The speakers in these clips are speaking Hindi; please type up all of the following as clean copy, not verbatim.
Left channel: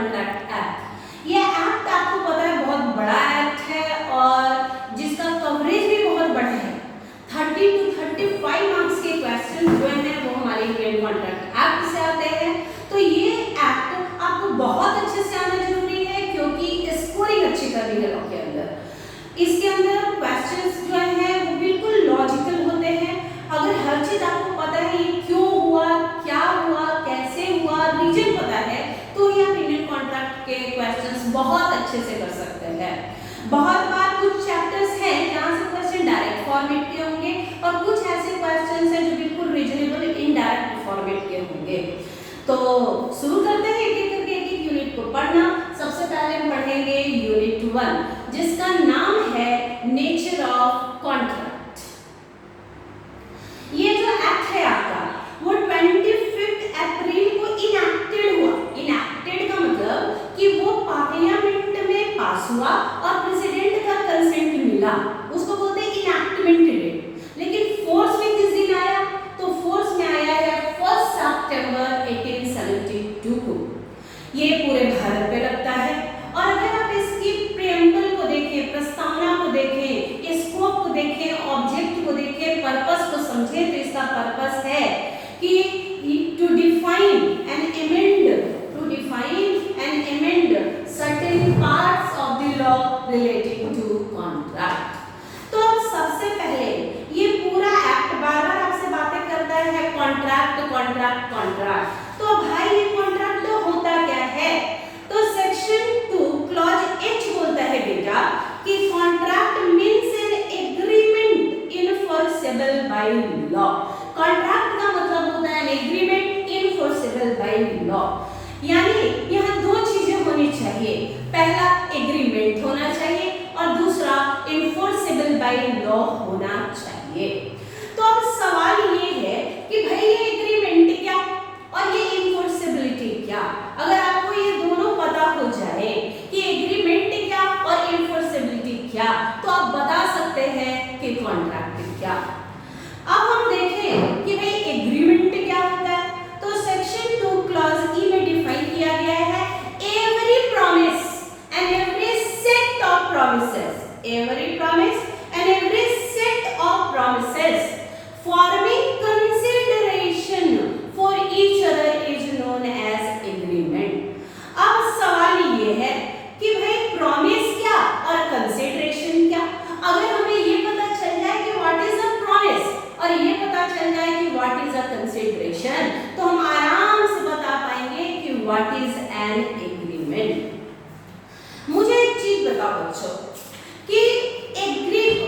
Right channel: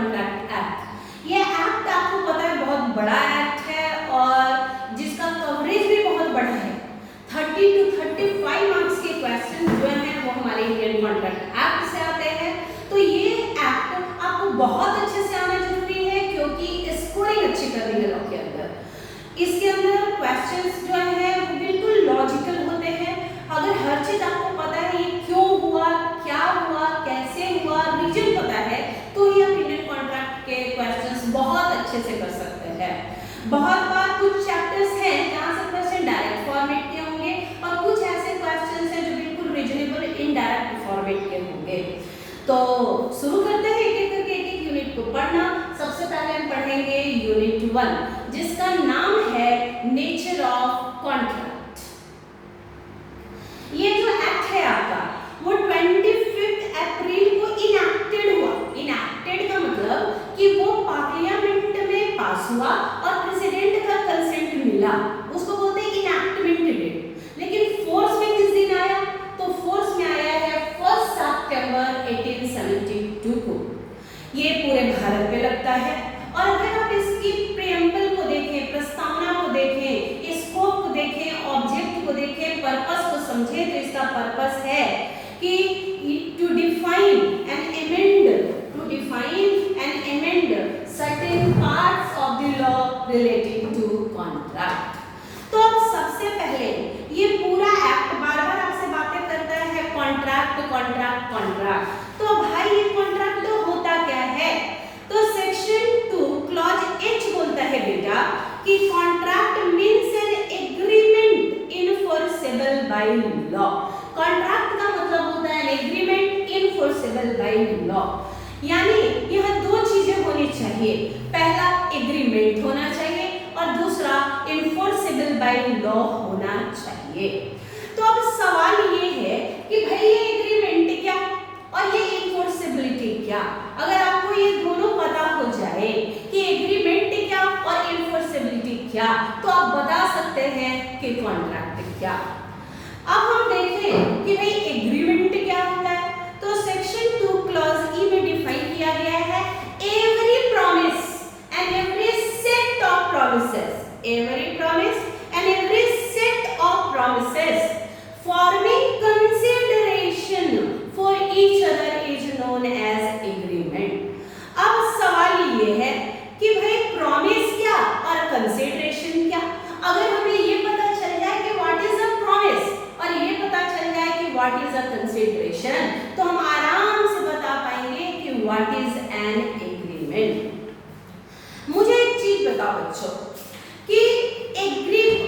Contract act. ये एक्ट आपको पता है बहुत बड़ा एक्ट है और जिसका कवरेज भी बहुत बड़ा है। 30 to 35 मार्क्स के क्वेश्चन जो हैं वो हमारे इंडियन कॉन्ट्रैक्ट एक्ट से आते हैं। तो ये एक्ट आपको बहुत अच्छे से आना जरूरी है क्योंकि स्कोरिंग अच्छी करनी है लॉ के अंदर। इसके अंदर क्वेश्चंस जो हैं वो बिल्कुल लॉजिकल होते हैं। अगर हर चीज आपको पता है ये क्यों हुआ, क्या हुआ, कैसे हुआ, रीजन पता है, तो ये आप इंडियन कॉन्ट्रैक्ट के क्वेश्चंस बहुत अच्छे से कर सकते हैं। बहुत बार कुछ चैप्टर्स हैं जहां से क्वेश्चन डायरेक्ट फॉर्मेट के होंगे और कुछ ऐसे क्वेश्चंस हैं जो बिल्कुल रीजनेबल इनडायरेक्ट फॉर्मेट के होंगे। तो शुरू करते हैं एक एक करके एक यूनिट को पढ़ना। सबसे पहले हम पढ़ेंगे यूनिट 1 जिसका नाम है नेचर ऑफ कॉन्ट्रैक्ट। ये जो एक्ट है आपका वो 25 अप्रैल को इनैक्टेड हुआ। इनैक्टेड का मतलब कि वो पार्लियामेंट में पास हुआ और प्रेसिडेंट का कंसेंट मिला, उसको बोलते हैं इनैक्टमेंट डेट। लेकिन फोर्स में किस दिन आया, तो फोर्स में आया है 1 सितंबर 1872 को। ये पूरे भारत पे लगता है। और अगर आप इसकी प्रीएम्बल को देखें, प्रस्तावना को देखें, स्कोप को देखें, ऑब्जेक्ट को देखें, पर्पस को समझें, तो इसका पर्पस है कि to define and amend certain parts of the law relating to contract। तो सबसे पहले ये पूरा एक्ट बार-बार आपसे बातें करता है कॉन्ट्रैक्ट कॉन्ट्रैक्ट कॉन्ट्रैक्ट। तो भाई ये कॉन्ट्रैक्ट तो होता क्या है, तो सेक्शन 2 क्लॉज एच बोलता है बेटा कि contract means an agreement enforceable by law. Contract का मतलब होता है एग्रीमेंट इनफोर्सेबल बाय लॉ। यानी यहाँ दो चीजें होनी चाहिए, पहला एग्रीमेंट होना चाहिए और दूसरा इनफोर्सेबल बाय लॉ होना चाहिए। तो अब सवाल ये है कि भाई ये एग्रीमेंट क्या और ये इनफोर्सेबिलिटी क्या। अगर आपको ये दोनों पता हो जाए कि एग्रीमेंट क्या और इनफोर्सेबिलिटी क्या, तो आप बता सकते हैं कि कॉन्ट्रैक्ट क्या। अब हम देखें कि भाई एग्रीमेंट क्या होता है। तो सेक्शन 2 क्लॉज ई में डिफाइन किया गया है every promise and every set of promises, every promise and every set of promises forming consideration for each other is known as agreement. अब सवाल ये है कि भाई प्रॉमिस क्या और कंसीडरेशन क्या। अगर हमें ये पता चल जाए कि व्हाट इज अ प्रॉमिस और ये पता चल जाए कि व्हाट इज अ कंसीडरेशन, तो हम आराम से बता पाएंगे कि व्हाट इज एन एग्रीमेंट। मुझे एक चीज बताओ बच्चों कि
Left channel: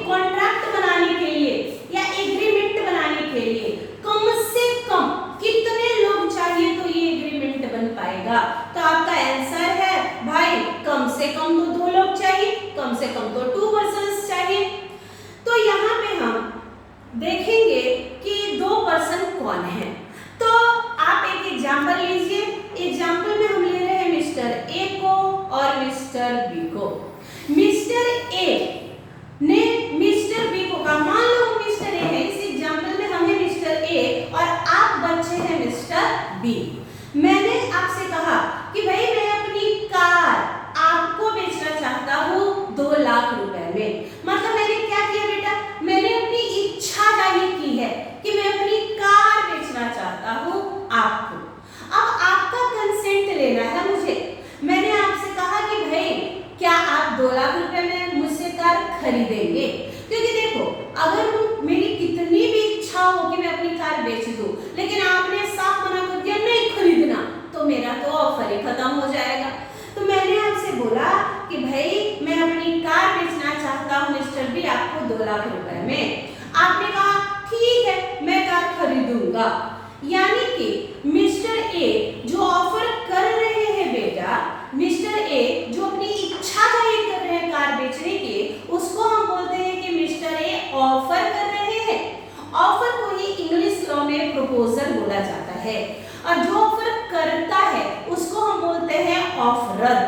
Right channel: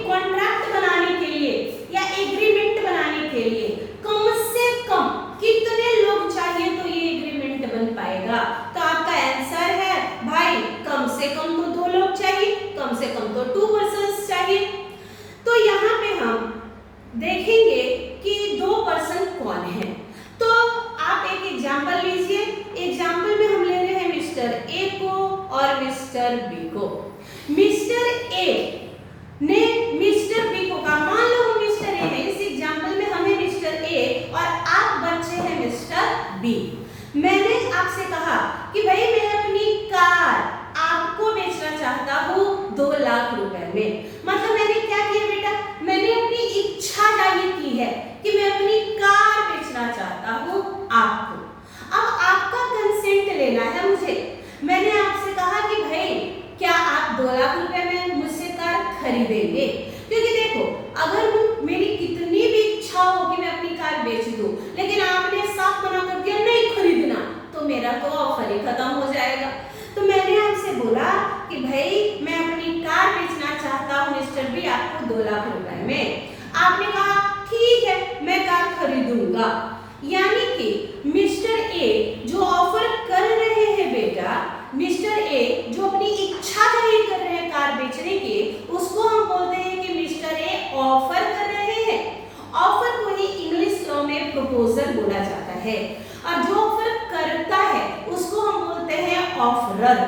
कॉन्ट्रैक्ट बनाने के लिए या एग्रीमेंट बनाने के लिए कम से कम कितने लोग चाहिए तो ये एग्रीमेंट बन पाएगा। तो आपका आंसर है भाई कम से कम तो 2 लोग चाहिए, कम से कम तो 2 पर्सन्स चाहिए। तो यहाँ पे हम देखेंगे कि 2 पर्सन कौन है। तो आप एक एग्जांपल लीजिए। एग्जांपल में हम ले रहे हैं मिस्टर ए को और मिस्टर बी को। मिस्टर ए ने मिस्टर बी को कहा, मान लो मिस्टर ए है, इस एग्जांपल में हमें मिस्टर ए और आप बच्चे हैं मिस्टर बी। मैंने आपसे कहा कि भाई मैं अपनी कार आपको बेचना चाहता हूँ 2 लाख रुपए में। मतलब मैंने क्या किया बेटा, मैंने अपनी इच्छा जाहिर की है कि मैं अपनी कार बेचना चाहता हूँ आपको। अब आपका कंसेंट लेना है मुझे। मैंने आपसे कहा कि भाई क्या आप 2 लाख रुपए में मुझसे कार खरीदेंगे। क्योंकि देखो अगर मेरी कितनी भी इच्छा हो कि मैं अपनी कार बेच दूं, लेकिन आपने साफ मना कर दिया नहीं खरीदना, तो मेरा तो ऑफर ही खत्म हो जाएगा। तो मैंने आपसे बोला कि भाई मैं अपनी कार बेचना चाहता हूँ मिस्टर बी आपको 2 लाख रुपए में। आपने कहा ठीक है मैं कार खरीदूंगा। यानी कि मिस्टर ए जो ऑफर कर रहे हैं बेटा, मिस्टर ए जो अपनी इच्छा जाहिर कर रहे हैं कार बेचने की, उसको हम बोलते हैं कि मिस्टर ए ऑफर कर रहे हैं। ऑफर को ही इंग्लिश लॉ में प्रपोजल बोला जाता है और जो ऑफर करता है उसको हम बोलते हैं ऑफरर।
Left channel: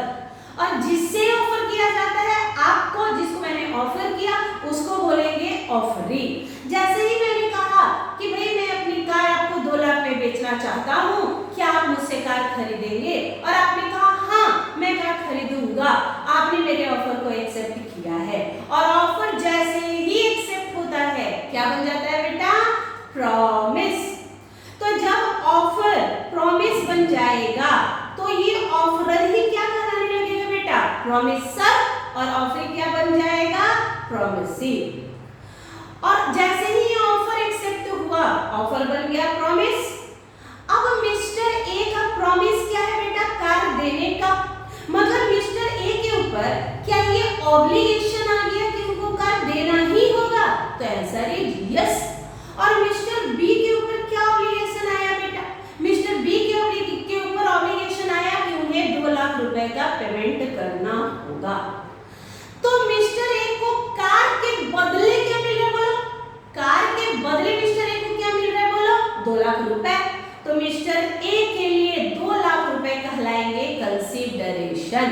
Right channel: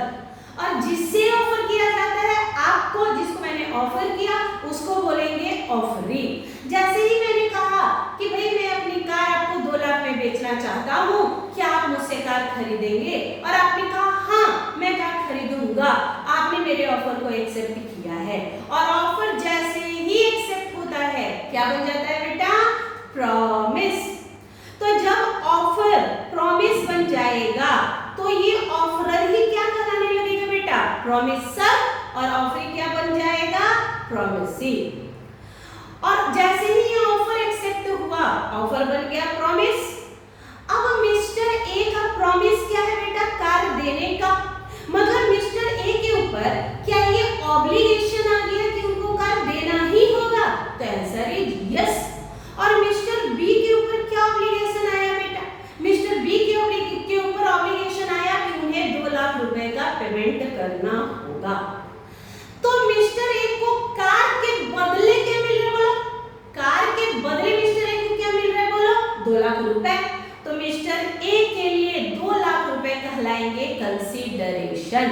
और जिससे ऑफर किया जाता है आपको, जिसको मैंने ऑफर किया उसको बोलेंगे ऑफरी। जैसे ही मैंने कहा कि भाई मैं अपनी कार आपको 2 लाख में बेचना चाहता हूँ, क्या आप मुझसे कार खरीदेंगे, और आपने कहा हाँ, मैं क्या खरीदूंगा। आपने मेरे ऑफर को एक्सेप्ट किया है और ऑफर जैसे ही एक्सेप्ट होता है क्या बन जाता है बेटा, प्रॉमिस। तो जब ऑफर प्रॉमिस बन जाएगा तो ये ऑफरर ही क्या कराने लगेगा बेटा, प्रॉमिसर, और ऑफर क्या बन जाएगा, प्रॉमिसी। और जैसे ही ये ऑफर एक्सेप्ट हुआ, ऑफर बन गया प्रॉमिस। अब मिस्टर ए का प्रॉमिस क्या है बेटा, कार देने का। मतलब मिस्टर ए के ऊपर क्या ये ऑब्लिगेशन आ गया कि उनको कार देना ही होगा, तो आंसर इज यस। और मिस्टर बी के ऊपर क्या ऑब्लिगेशन आया बेटा, मिस्टर बी के ऊपर ऑब्लिगेशन आया कि उन्हें 2 लाख रुपए का पेमेंट करना होगा। तो मिस्टर ए को कार के बदले क्या मिल रहा है बोलो, कार के बदले मिस्टर ए को क्या मिल रहा है बोलो, 2 लाख रुपए। तो मिस्टर ए के लिए 2 लाख रुपए कहलाएंगे कंसीडरेशन।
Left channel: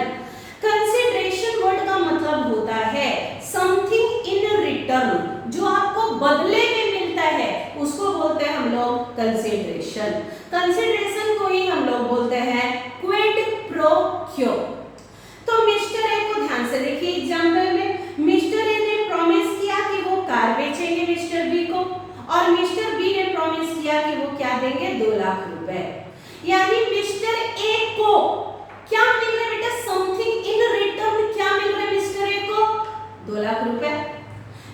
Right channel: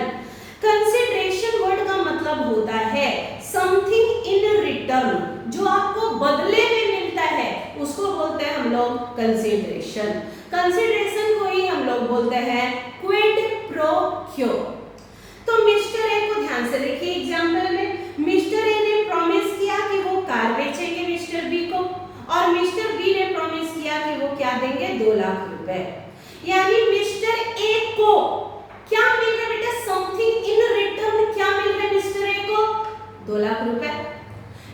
कंसीडरेशन वर्ड का मतलब होता है समथिंग इन रिटर्न, जो आपको बदले में मिलता है उसको बोलते हैं हम लोग कंसीडरेशन। कंसीडरेशन को ही हम लोग बोलते हैं क्विड प्रो क्यो। तो मिस्टर ए को ध्यान से देखिए एग्जांपल में, मिस्टर ए ने प्रॉमिस किया कि वो कार बेचेंगे मिस्टर बी को, और मिस्टर बी ने प्रॉमिस किया कि वो क्या देंगे, 2 लाख रुपए। यानी मिस्टर ए को क्या मिल रहा है बेटा, समथिंग इन रिटर्न। क्या मिल रहा है मिस्टर ए को, 2 लाख रुपए।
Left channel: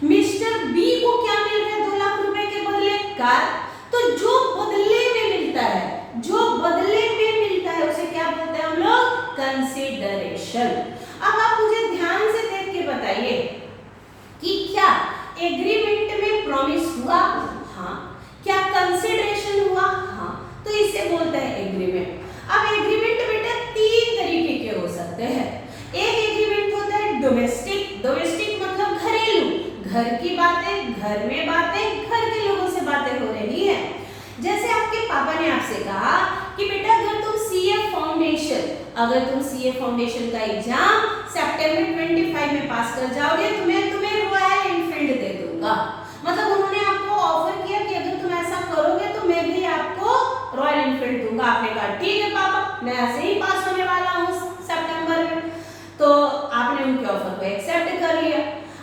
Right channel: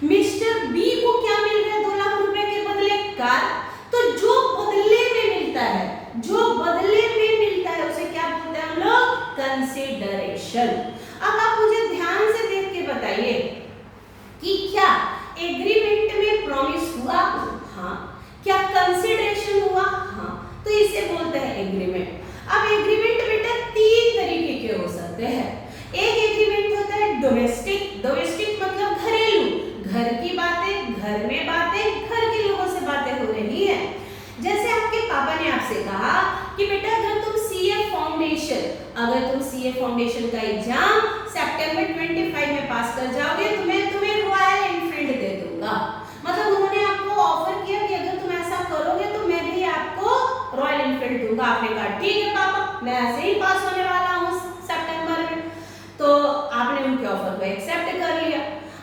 मिस्टर बी को क्या मिल रहा है, 2 लाख रुपए के बदले कार। तो जो बदले में मिलता है, जो बदले में मिलता है उसे क्या बोलते हैं हम लोग, कंसीडरेशन। अब आप मुझे ध्यान से देख के बताइए कि क्या एग्रीमेंट में प्रॉमिस हुआ, हाँ। क्या कंसीडरेशन हुआ, हाँ। तो इसे बोलते हैं एग्रीमेंट। अब एग्रीमेंट बेटा 3 तरीके के हो सकते हैं। एक एग्रीमेंट होता है डोमेस्टिक। डोमेस्टिक मतलब घरेलू, घर की बातें, घर में बातें, घर के लोगों से बातें हो रही है। जैसे आपके पापा ने आपसे कहा कि बेटा अगर तुम सीए फाउंडेशन का एग्जाम सितंबर 25 में पास कर जाओगे तो मैं तुम्हें रॉयल एनफील्ड दे दूंगा। मतलब उन्होंने आपको ऑफर किया कि अगर तुम ऐसा करोगे तो मैं भी आपको रॉयल एनफील्ड दूंगा। आपने कहा ठीक है पापा, मैं ऐसे ही पास होने वाला हूँ सितंबर में। तो आपने उनके ऑफर को एक्सेप्ट कर लिया।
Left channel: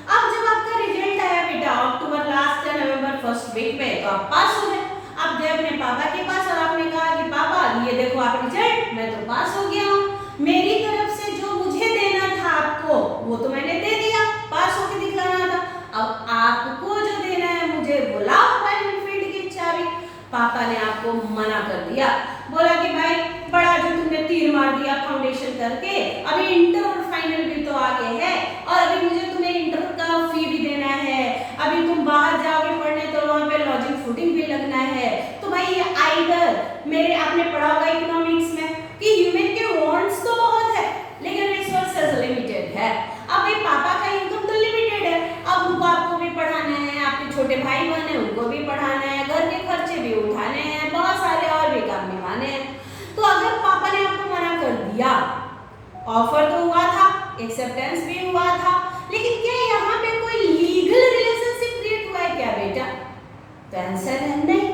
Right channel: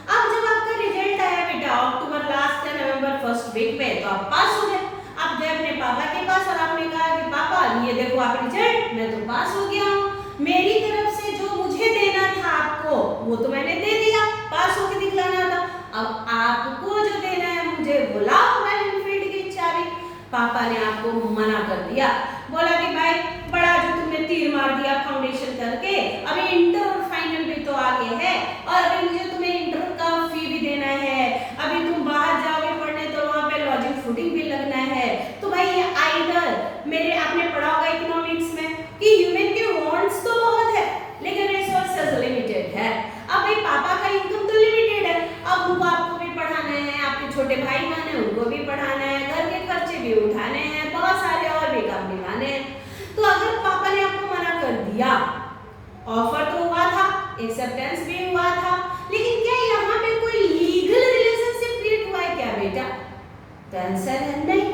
अब जब आपका रिजल्ट आया बेटा अक्टूबर लास्ट या नवंबर फर्स्ट वीक में, तो आप पास हो गए। आप गए अपने पापा के पास और आपने कहा कि पापा ये देखो आप रिजल्ट, मैं तो पास हो गया हूँ, मेरी तरफ से जो मुझे देना था आपको वो तो मैंने दे दिया, पास होकर दिखलाना था। अब आपको जो देना है मुझे बुलाओ रॉयल एनफील्ड की चाबी। पापा ने आपको मना कर दिया, बोला कि भाई बड़ा जो तुमने तीर मार दिया फाउंडेशन करके, अभी इंटर और फाइनल भी तो आगे है और अभी मुझे तुम्हें इंटर का फी भी देना है, अभी तुम बाहर जाओगे पढ़ने तो वहाँ पे लॉजिंग फूडिंग भी लगना है। तो भाई आइदर मेरे आपने पढ़ा होगा इकोनॉमिक्स में कि ह्यूमन के वांट्स तो बहुत है लेकिन रिसोर्सेज लिमिटेड है। अब भाई पापा का इनकम तो लिमिटेड है, अब उनको आपको भी पढ़ाना है, आपके छोटे भाई बहन है उनको भी पढ़ाना है, घर के खर्चे भी उठाने हैं, बहुत सारे और भी काम निभाने हैं। तो अगर पापा ने आपको मना कर दिया, ऑफर तो हुआ था, एक्सेप्टेंस भी हुआ था, लेकिन क्या यहाँ पे कोई लीगल रिलेशनशिप क्रिएट हुआ है क्या बेटा? तो आंसर है नहीं।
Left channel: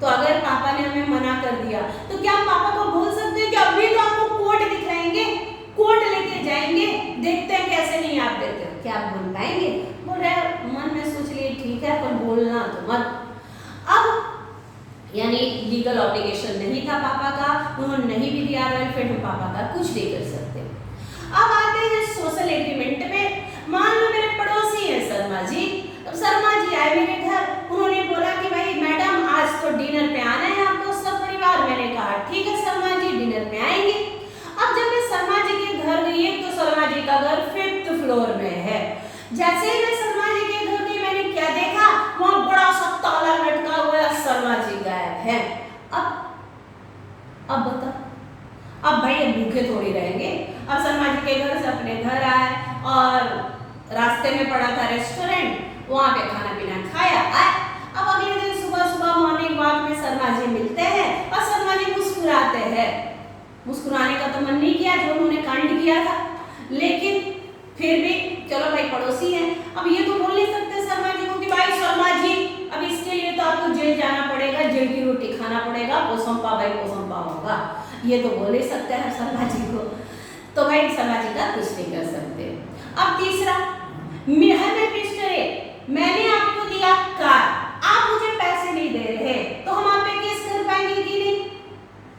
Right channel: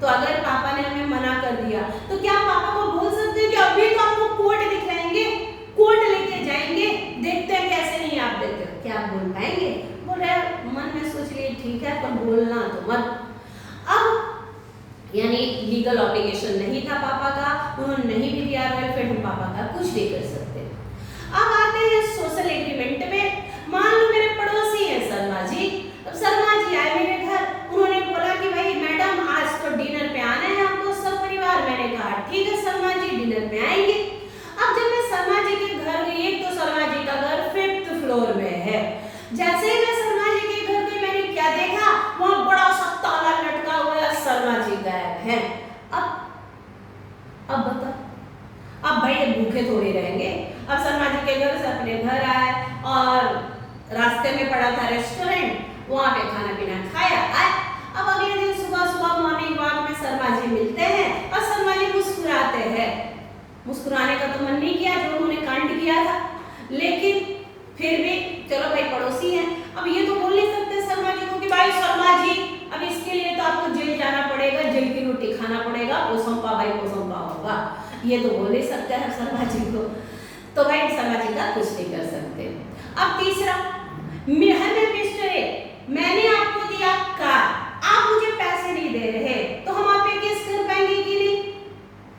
तो अगर पापा ने हमें मना कर दिया तो क्या हम पापा को बोल सकते हैं कि अभी तो आपको कोर्ट दिखलाएंगे, कोर्ट लेके जाएंगे, देखते हैं कैसे नहीं आप देखते हो, क्या आप बोल पाएंगे? बोल रहे मन में सोच लिए ठीक है पर बोलना तो मत। अब यानी लीगल ऑब्लिगेशन नहीं था पापा का, उन्होंने नहीं भी दिया रॉयल एनफील्ड, हम पापा का कुछ नहीं कर सकते। अब आते हैं सोशल एग्रीमेंट में। मान लो मेरे पड़ोसी हैं शर्मा जी, अब शर्मा जी आए मेरे घर, उन्होंने बोला कि भाई मैडम आज तो डिनर पे आना है आपको सब परिवार। मैंने कहा ठीक है शर्मा जी डिनर पे आएंगे। अब जब मैं शर्मा जी के घर गई, एक तो शर्मा जी का घर 5th फ्लोर में है। जैसे ही मैं शर्मा जी के घर गई मैंने क्या देखा, वहां बड़ा सा ताला लटका हुआ है, शर्मा जी गायब हैं। अब बता, अब भाई ये भूखे थोड़ी रहेंगे। अब शर्मा जी के घर से अपने घर आए और रास्ते में पड़ा था रेस्टोरेंट, वहां पे खाना पीना खाया आए। अब अगले दिन सुबह सुबह मॉर्निंग वॉक में शर्मा जी मिलते हैं और शर्मा जी मुस्कुराते हैं। मुस्कुराने का तो मन नहीं किया जो उन्होंने कांड किया था, लेकिन फिर भी चलो भाई पड़ोसी हैं। अब ये तो बोल नहीं सकते शर्मा जी को कि भाई शर्मा जी अब इसके लिए तो आपको जेल जाना पड़ेगा, जेल की रोटी खाना पड़ेगा, पोसंपा भाई पोसंपा होगा, ये तो बोल नहीं सकते हैं शर्मा जी को। तो भाई शर्मा जी का कुछ नहीं कर सकते। अब तीसरा, मैं मिस्टर ए, मैंने आपको दिया कार, आप मुझे पैसे नहीं दे रहे, तो हम आप पे केस कर पाएंगे कि नहीं?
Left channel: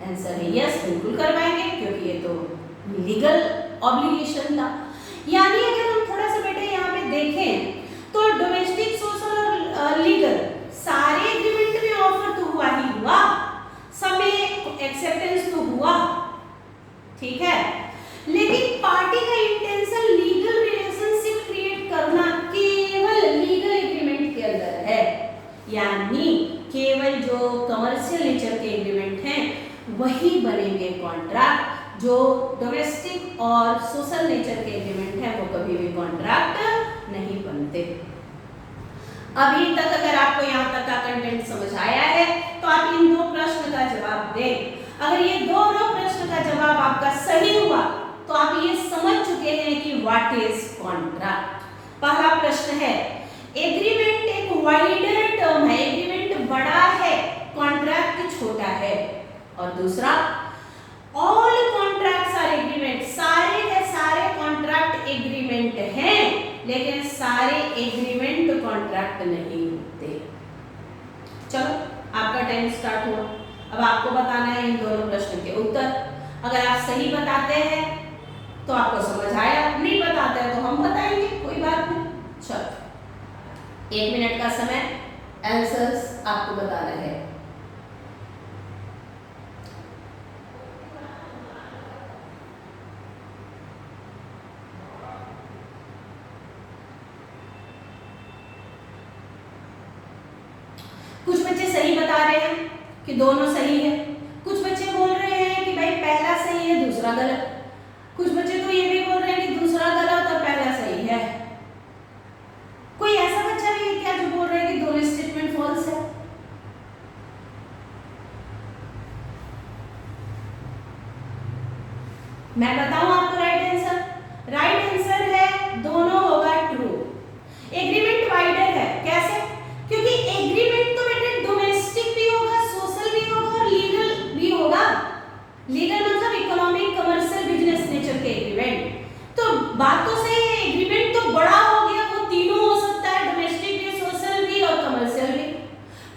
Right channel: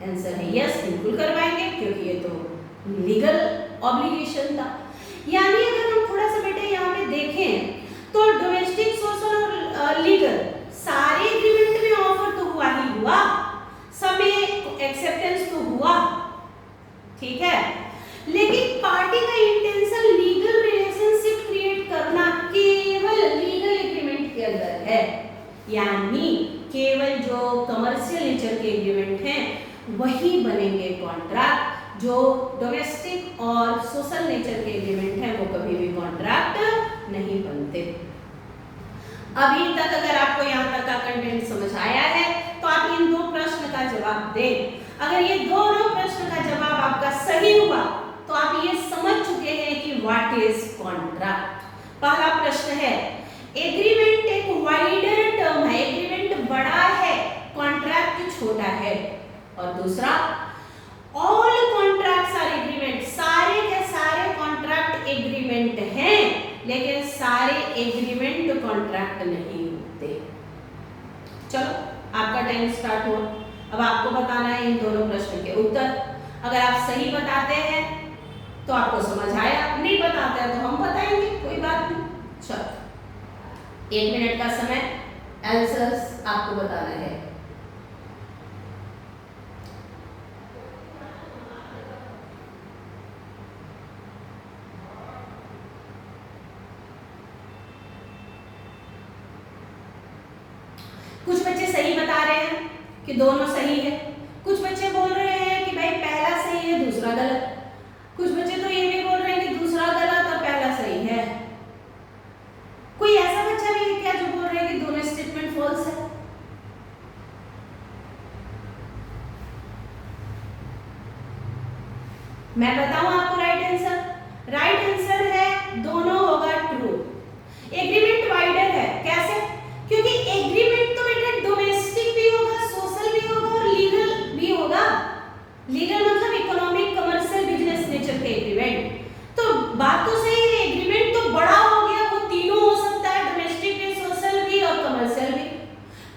आंसर है यस, बिल्कुल करवाएंगे, क्योंकि ये तो लीगल ऑब्लिगेशन था। यानी अगर हम थोड़ा सा बेटे यहाँ पे देखें तो डोमेस्टिक, सोशल और लीगल सारे एग्रीमेंट में ऑफर तो हुआ ही हुआ, सब में एक्सेप्टेंस तो हुआ, ठीक है, लेकिन पार्टी का इंटेंशन लीगल रिलेशनशिप क्रिएट करना केवल लीगल एग्रीमेंट के अंदर है। यानी केवल जो कमर्शियल नेचर के एग्रीमेंट हैं वही बनेंगे कॉन्ट्रैक्ट, जो डोमेस्टिक और सोशल नेचर के एग्रीमेंट हैं वो कभी भी कॉन्ट्रैक्ट नहीं बनते। अभी तक अगर आपको यहाँ तक का कंटेंट समझ आया है तो आप इन दो प्रश्न का जवाब दें। अगर ये दोनों प्रश्न का जवाब आपका सही हुआ तो आप ये समझ चुके हैं कि व्हाट इज कॉन्ट्रैक्ट। पहला प्रश्न है, एग्रीमेंट एक वाइडर टर्म है, एग्रीमेंट बड़ा है, कॉन्ट्रैक्ट छोटा है। और दूसरा, ऑल कॉन्ट्रैक्ट्स आर एग्रीमेंट, सारे के सारे कॉन्ट्रैक्ट एग्रीमेंट हैं, लेकिन सारे एग्रीमेंट कॉन्ट्रैक्ट नहीं होते। चलो आपका टाइम स्टार्ट हुआ, अब आपको बताना है इन दोनों प्रश्न के उत्तर। अगर आप सही बताते हैं तो आपको समझ आया, नहीं बताते हैं तो हम बताएंगे, कोई बात नहीं। चलो 1 मिनट का समय, आंसर्स आपको बताना है। कुछ बच्चे सही बता रहे हैं कि दोनों सही है, कुछ बच्चे बोल रहे हैं कि भाई पहला सही है दूसरा गलत, कुछ बच्चे तो ये भी बोल रहे हैं कि दूसरा गलत और पहला सही है। कोई ऐसा बच्चा भी है क्या जो बोल रहे हैं कि दोनों स्टेटमेंट फॉल्स है? मैं बताऊं आपको राइट आंसर? राइट आंसर है दोनों होगा ट्रू। एग्रीमेंट वाइडर है, कैसे? क्योंकि एग्रीमेंट तो बेटा डोमेस्टिक भी होगा, सोशल भी होगा और लीगल भी होगा। लीगल मतलब इकोनॉमिक, कमर्शियल, बिजनेस नेचर के एग्रीमेंट। तो बात तो सही है, एग्रीमेंट तो बड़ा हो गया, वो तीनों हो सकता है, डोमेस्टिक भी, सोशल भी और कमर्शियल भी।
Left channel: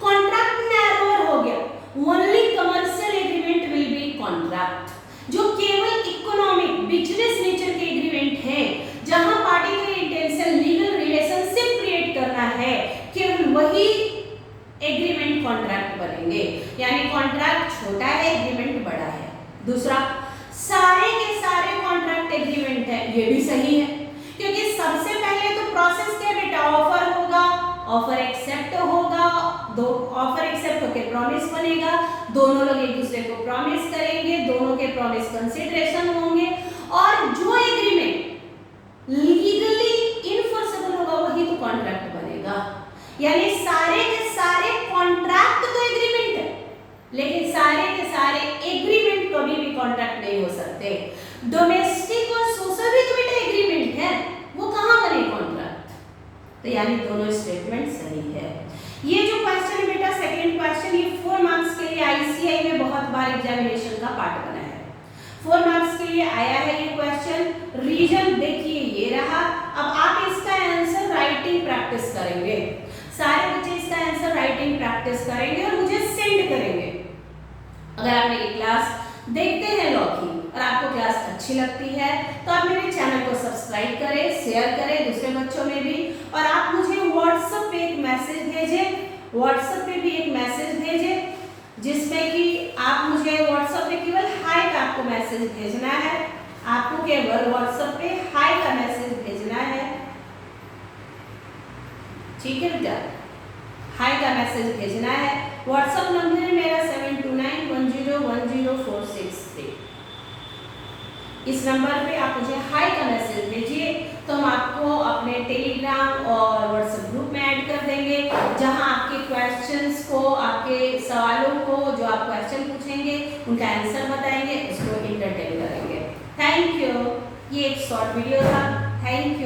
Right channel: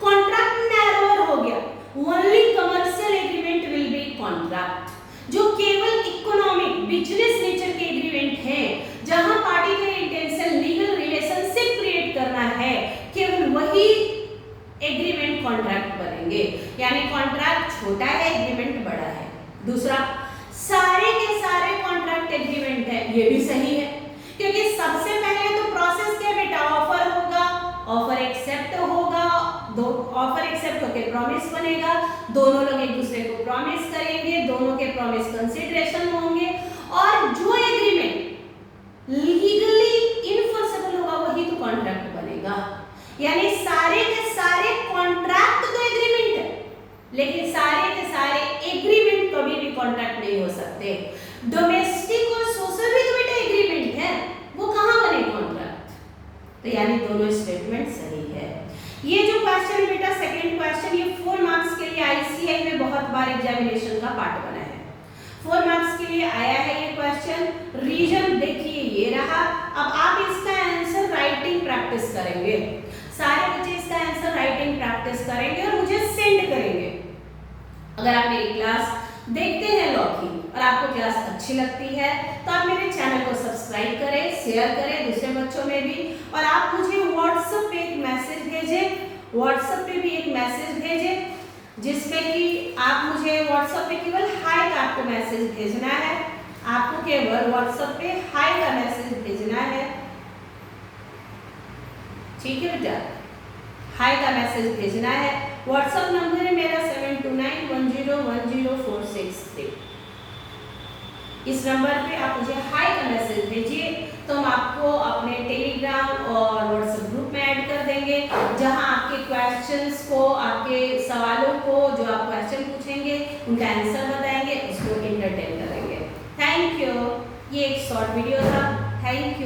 कॉन्ट्रैक्ट नैरोर हो गया, only commercial agreement will be contract. जो केवल इकोनॉमिक, बिजनेस नेचर के एग्रीमेंट हैं, जहां पार्टी का इंटेंशन लीगल रिलेशनशिप क्रिएट करना है, केवल वही एग्रीमेंट कॉन्ट्रैक्ट बनेंगे। यानी कॉन्ट्रैक्ट छोटा है, एग्रीमेंट बड़ा है। दूसरा, सारे के सारे कॉन्ट्रैक्ट एग्रीमेंट है, ये भी सही है, क्योंकि सबसे पहले तो प्रोसेस क्या बेटा, ऑफर होगा, ऑफर एक्सेप्ट होगा, दो ऑफर एक्सेप्ट होकर प्रॉमिस बनेगा, दोनों लोग एक दूसरे को प्रॉमिस करेंगे, दोनों के प्रॉमिस कंसीडरेशन होंगे, और जो एग्रीमेंट लीगली इनफोर्सेबल होगा वही तो कॉन्ट्रैक्ट बनेगा। यानी सारे के सारे कॉन्ट्रैक्ट तो एग्रीमेंट है, लेकिन सारे के सारे एग्रीमेंट कभी भी कॉन्ट्रैक्ट नहीं हो सकते। डोमेस्टिक और सोशल भी तो बेटा एग्रीमेंट है, वो कहां बने कॉन्ट्रैक्ट? तो यानी दोनों स्टेटमेंट सही है। ये जो क्वेश्चन है बेटा, सेकंड क्वेश्चन, ये 4 मार्क्स के लिए आईसीआई में बहुत बार एग्जामिनेशन का पार्ट बना है। 4 मार्क्स के लिए आया है ये क्वेश्चन। रीजन देखिए ये रहा। अब आप इसका आंसर राइटिंग प्रैक्टिस करेंगे, सारे बच्चे इसका आंसर राइटिंग प्रैक्टिस करेंगे और मुझे सेंड करेंगे। अगर आप मेरी क्लास देखते हैं लॉ की और आपको क्लास अच्छी लगती है तो आप मेरे चैनल को सब्सक्राइब करें, शेयर करें दूसरे बच्चों में भी, और आप मुझे व्हाट्सएप पे एक मैसेज भेजें, व्हाट्सएप पे भी एक मैसेज भेजें जिसमें कि आप मुझे व्हाट्सएप पे केवल हाय का आपको मैसेज भेजना है। आपको केवल व्हाट्सएप पे हाय का मैसेज भेजना है, ठीक है बेटा, हाय का मैसेज भेजना है। व्हाट्सएप नंबर है मेरा 7291010463। इस नंबर पे आप मुझे हाय का मैसेज भेजिए तो हम आपको अपने टेलीग्राम और व्हाट्सएप ग्रुप में ऐड कर देंगे, जहां आपके क्वेश्चंस को, आपके सवालों को, जो आप क्वेश्चन पूछेंगे उनका आंसर बताएंगे, उसको एंटरटेन करेंगे। Thank you. ये एक शॉर्ट वीडियो था, थैंक यू।